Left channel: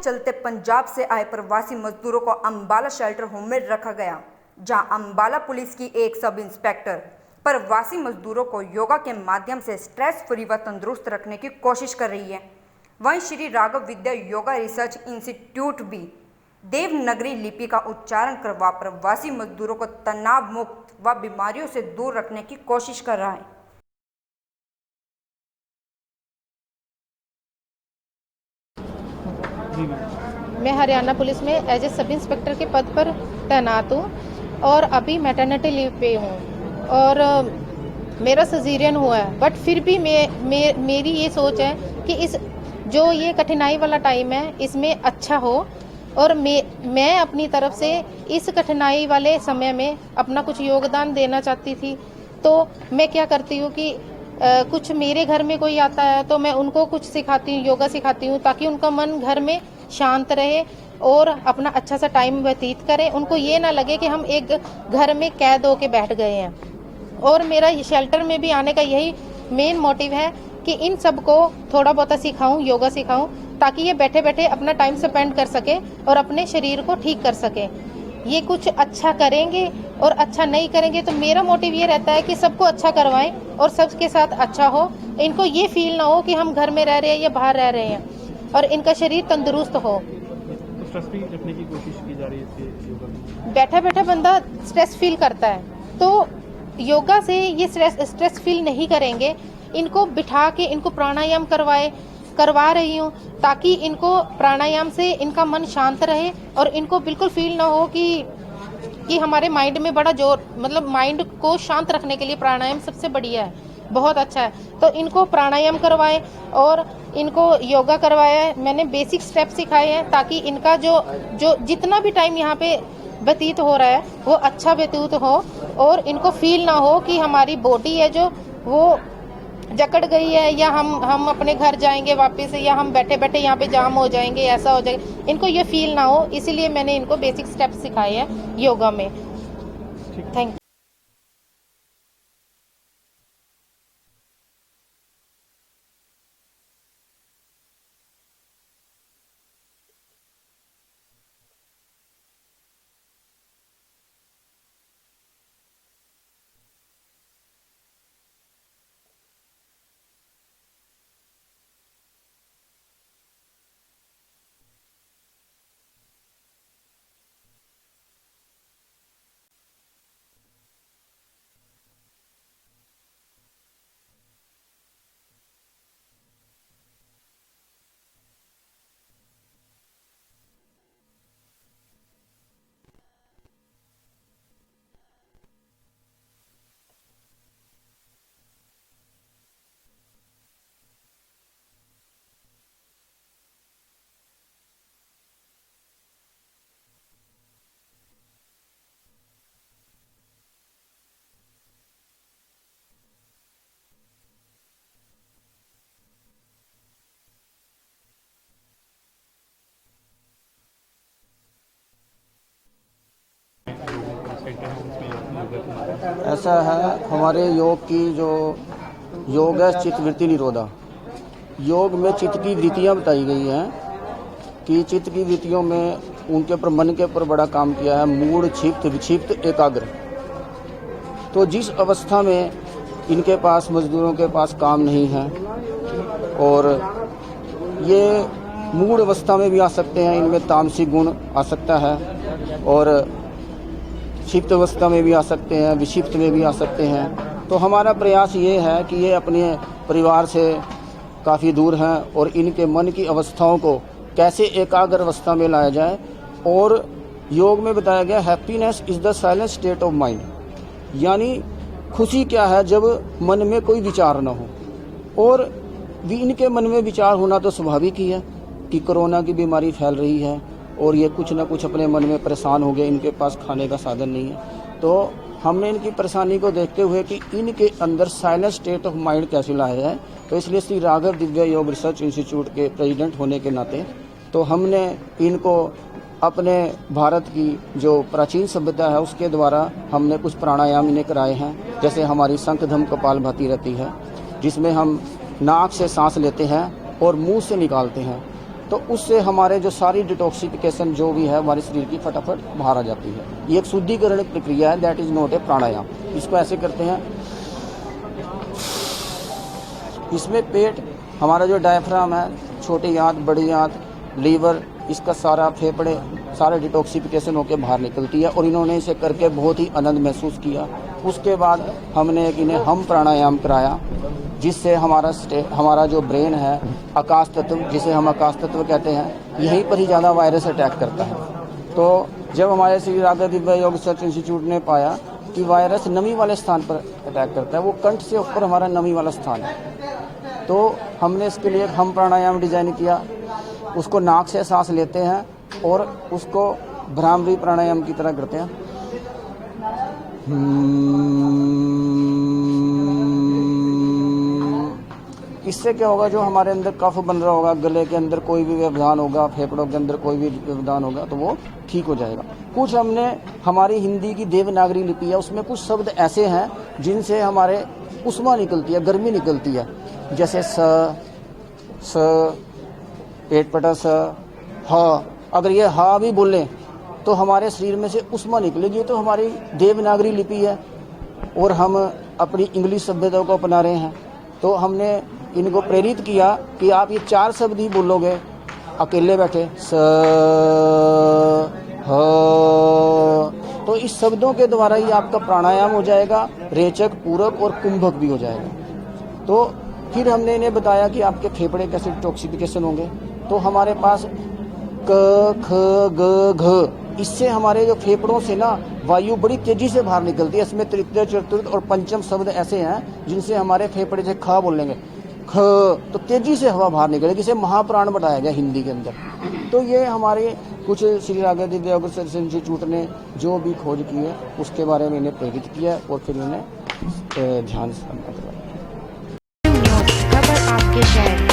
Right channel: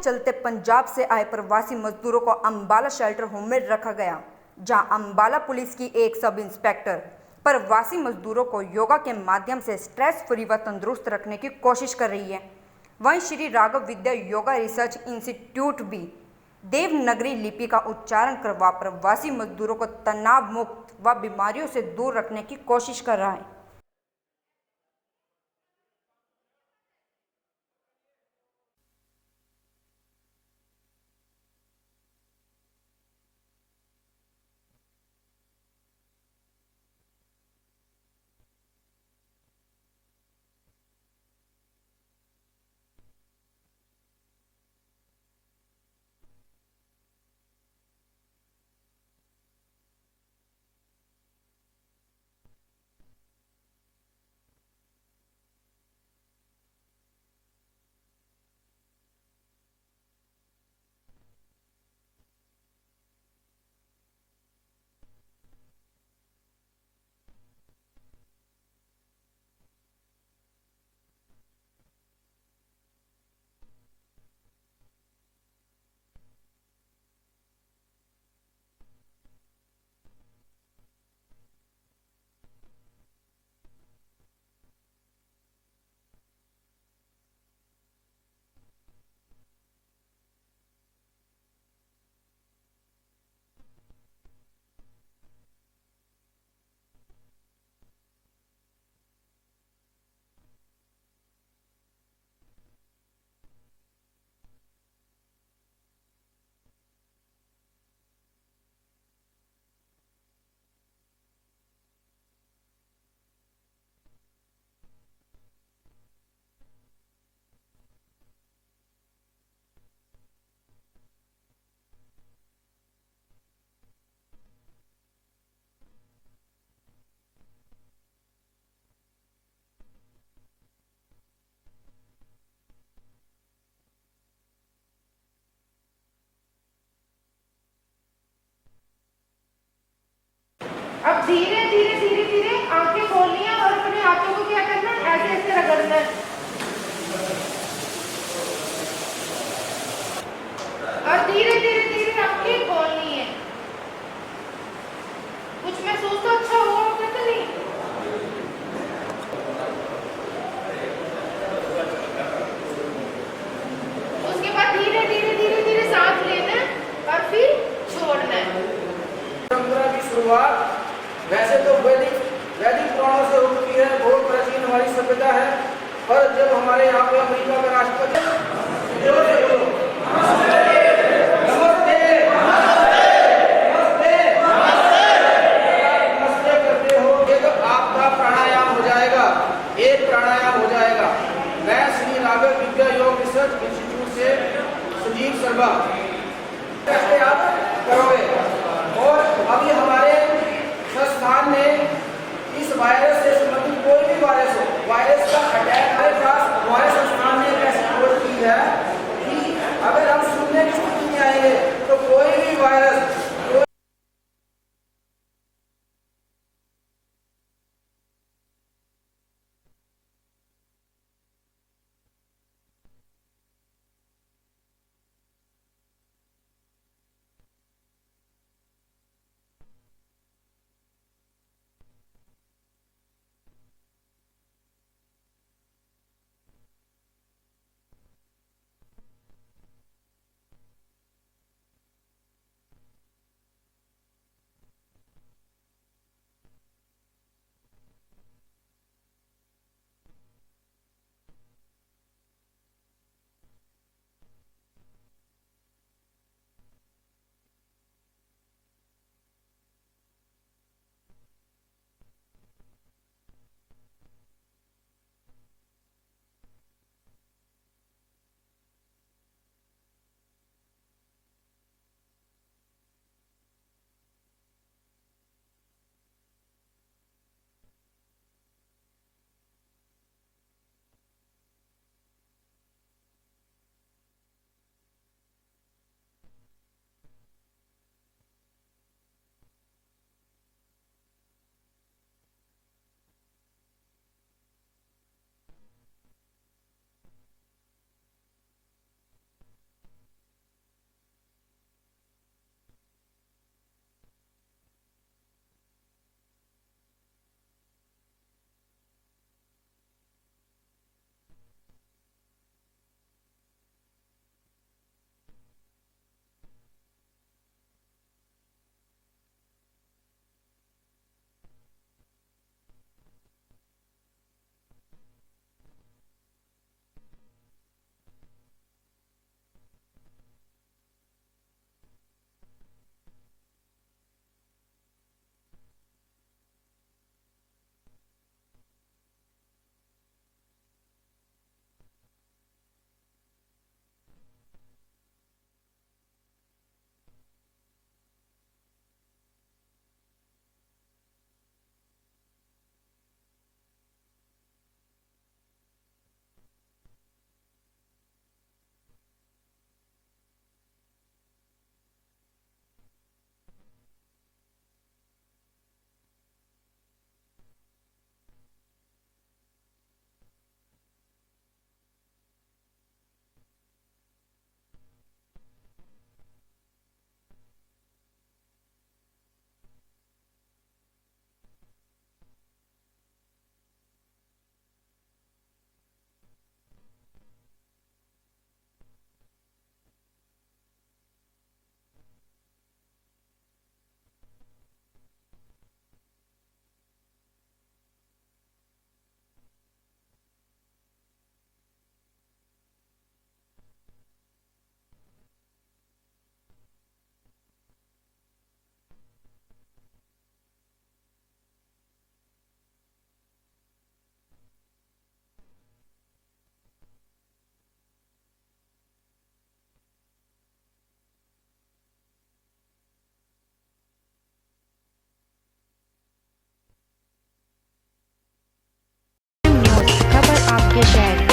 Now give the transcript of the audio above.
चलते पंजाब से आए प्रवासी मजदूरों को अंबाला शेल्टर होम में रखा गया, जहां अंबाला पुलिस की एक सब इंस्पेक्टर प्रवासी मजदूरों को योगा के माध्यम से स्ट्रेस फ्री व तंदुरुस्त रखने की कोशिश कर रही है। वहीं श्री राघव विद्या योगा रिसर्च इंस्टीट्यूट भी देवनागरी लिपि का उच्चारण करवा प्रवासी मजदूरों को तनाव मुक्त व बीमारियों से दूर रखने की कोशिश कर रहा है। मैं हरियाणा पुलिस में एज ए सब इंस्पेक्टर के पद पर तैनात हूँ और अभी मैटरनिटी लीव पे हूँ और मेरा सजीरियन हुआ है। बट फिर भी मेरी ये सोच है कि इस जो ये कठिनाई वाला टाइम है इसमें अच्छा हो और मैं अपनी तरफ से इस कठिनाई वाले समय में अपना कुछ योगदान देना चाहती थी। तो मैं क्या करती हूँ कि कुछ मेरे घर में कोई आता है तो मैं उनको कुछ सिखाती हूँ, योगा सिखाती हूँ, ताकि उनका मन घर में शांत रहे और अपना अच्छा सा टाइम व्यतीत करें। उनको ये ना लगे कि हम एक घर में कैद होके बैठ गए हैं। और मेरा शेल्टर में भी आने का यही मेन मोटिव है कि इन सबको थोड़ा बहुत सिखाऊं, योगा सिखाऊं, ताकि ये बैठे बैठे अपना टाइम स्पेंड कर सके और अपने शरीर को ठीक कर सके। ये कुछ अच्छा करेंगे और अच्छा नहीं करेंगे तो मेरा मोटिव ये रहता है कि सबको अच्छा करवाएं और सबके साथ अच्छा हो। इनको ये फील ना हो कि हम घर में रह रहे हैं या बाहर रह रहे हैं और इनका शरीर तंदुरुस्त हो। तो स्ट्रेस फ्री रखने की कोशिश की जा रही है योगा में। बैठा बैठा बंदा स्ट्रेस फील करता है तो योगा से ये स्ट्रेस फील नहीं करेंगे। इनको बिठा के इनको प्राणायाम करवा रही हूँ ताकि इनको प्राणायाम से इनका मन शांत रहे और इनको बिल्कुल फील ना हो कि हमारे माइंड में बड़ा जोर, मतलब माइंड को शांत रखने के लिए प्राणायाम सबसे बढ़िया है, बहुत अच्छा है। तो इनको प्राणायाम करवाएं और इनको योगा करवाया है। मैंने बेसिक स्टेप सिखाए हैं ताकि इनका जो जितना भी टाइम यहाँ पे व्यतीत हो रहा है वो अच्छा व्यतीत हो और इनको फील ना हो कि हमारी बॉडी है जो वो जकड़ गई है या हम अपने घर जाएंगे वापस या हम बैठे बैठे यहाँ पे जाम हो जाएंगे, ऐसा हो जाएगा। इनको ये फील ना हो, इसीलिए मैंने इनको बेसिक स्टेप सिखाए हैं योगा में। Thank you. अब धीरे धीरे धीरे धीरे आंखें खोलनी है और अपने हाथों को क्या करना है, ऐसे ऐसे रगड़ना है और धीरे धीरे धीरे आंखें खोलनी है। कुछ महसूस तो अच्छा हुआ होगा तो नहीं? उसके बाद धीरे धीरे धीरे धीरे सांस लेना है और फिर छोड़ना है। परंपरा की शुरुआत वैसे तो वैदिक पुराणों से होती है, बहुत प्राचीन हमारी सभ्यता है। पर जब हमारे यहाँ पे अमेरिका का राष्ट्रपति कैसे आप करोगे। और अभी हमारे संस्थान ने इस वायरस से संबंधित कोई भी वायरस का अटैक हमारे संस्थान ने एक ऐसी खोज की है कि अगर हम शून्य की स्थिति में आएंगे तो कोई भी वायरस ऐसा है। हमारे योग की जो योग है चित्त वृत्ति निरोधा। योग में चित्त की वृत्तियाँ बताई गई हैं कि चित्त की वृत्तियों में उनके ऊपर मन के ऊपर बड़ा काम किया है, मूढ़, क्षिप्त, विक्षिप्त, एकाग्र। तो जिस अवस्था में इनके पास मजदूरों के पास काम नहीं है और ये मूढ़ अवस्था में भी आ सकते हैं, इनमें तामसिक गुण आ सकता है और क्षिप्त अवस्था में भी आ सकते हैं, विक्षिप्त में भी आ सकते हैं। तो हमारा प्रयास ये है कि ये अपने परिवार से काफ़ी दूर हैं और इनके मन की अवस्थाओं को कैसे एकाग्र अवस्था में लाया जाए। और योग में बताया गया happiness is the silent state of mind, यानी खुशी क्या है जब मन में कोई विचार ना हो। और भी इनके मन में विचार होना तो स्वाभाविक ही है कि कोरोना की बीमारी फैल रही है और ये कुछ ना कुछ अपने मन में परेशान हो गए, इनके पास खाने का साधन नहीं है। तो हमने इनकी परेशानी को देखते हुए कि इनके अंदर साइलेंट स्टेट ऑफ माइंड कैसे लाया जाए, तो इसलिए श्री राघव दिव्या योग रिसर्च इंस्टीट्यूट के प्रेसिडेंट होने के नाते तो हमने इनको अपने भारत की जो प्राचीन सभ्यता है उसके द्वारा हमने कुछ प्राणायाम इन्हें कराए हैं। जैसे हमारी शंखधम कपालभाति रहती है जिसमें हम नाक से सांस लेते हैं और मुंह से निकालते हैं तो उससे हमारे जो सारी डिटॉक्सिफिकेशन जो भी है हमारे शरीर की फटाफट बाहर आ जाती है। ये एक शुद्धिकरण प्रक्रिया है, दैट इज़ नॉट ए प्राणायाम। इसको ऐसे करते हैं, इसमें पेट, हमारा जो डायफ्राम है, छोटी आंत, बड़ी आंत, लीवर, इसका सारा फेफड़े सारे डिटॉक्सिफिकेशन होकर बाहर निकलती है। और इन्होंने इसे करके बहुत ही आनंद महसूस किया। उसके बाद हमने इन्हें हम प्राणायाम कराया, जिससे हमारा जो ब्रेन है, आकाश तत्व, जिसे हम आकाश तत्व कहते हैं, यहीं पर ही ज़्यादा वायरस अटैक करता है। तो जब हमारे श्री राधा दिव्य योग रिसर्च इंस्टीट्यूट ने पाया कि वायरस नमी वाले स्थान पर अटैक करता है, वो कंठ से ऊपर हमारा नमी वाला स्थान है, तो हमने इसके लिए हम प्राणायाम डिजाइन किया। उसको नाक से सांस लेते हैं और उसको भ्रामरी प्राणायाम की तरह करते हैं। इससे क्या होगा, जो हमारे अंदर कफ बन रहा होगा, गले के अंदर कोई भी व्यवधान होगा, फेफड़ों के अंदर कोई भी व्यवधान होगा, तो वो ठीक हो जाएगा। कुछ हमने हमारी हिंदी की देवनागरी लिपि है, उसमें कुछ शब्द ऐसे हैं जिनसे हमारे उष्मा निकलती है, गर्मी निकलती है, जैसे स, पेट पटा स, ह। अगर ये हा भी बोलें तो हमारे शरीर में से उष्मा निकलेगी। तो हमारी देवनागरी लिपि है और हम अपनी इंग्लिश सभ्यता को अपना रहे हैं। तो हमने इनको प्रेरित किया कि आप ये 4 शब्द ही बोलोगे अकेले बैठे, स, ह। तो इस शब्दों के द्वारा ही आपका प्राणायाम हो जाएगा, रेचक, पूरक और कुंभक भी हो जाएगा। तो फिर हमने इन्हें बताया कि आपके फेफड़े कैसे डिटॉक्सिफिकेशन होंगे। तो हमारे पास क, ख, ग, घ, इससे हमारे जो फेफड़ों से ना वायु बड़ी तेजी से बाहर निकलती है। इसमें तृतीय, चतुर्थ और पंचम शब्द ऐसे हैं जिनसे हमारे फेफड़े से ख बोलेंगे, ख, तो तेजी से हवा बाहर निकलेगी। इसे महाप्राण बताया गया हिंदी के अंदर। तो ये हमारे कुछ श्री राधा दिव्य योग रिसर्च इंस्टीट्यूट ने जो भी खोज की है उसके बारे में इन्हें प्रेरित किया और फिर इन्हें ध्यान से करवाया। न्यूज़, खबर आपके शहर।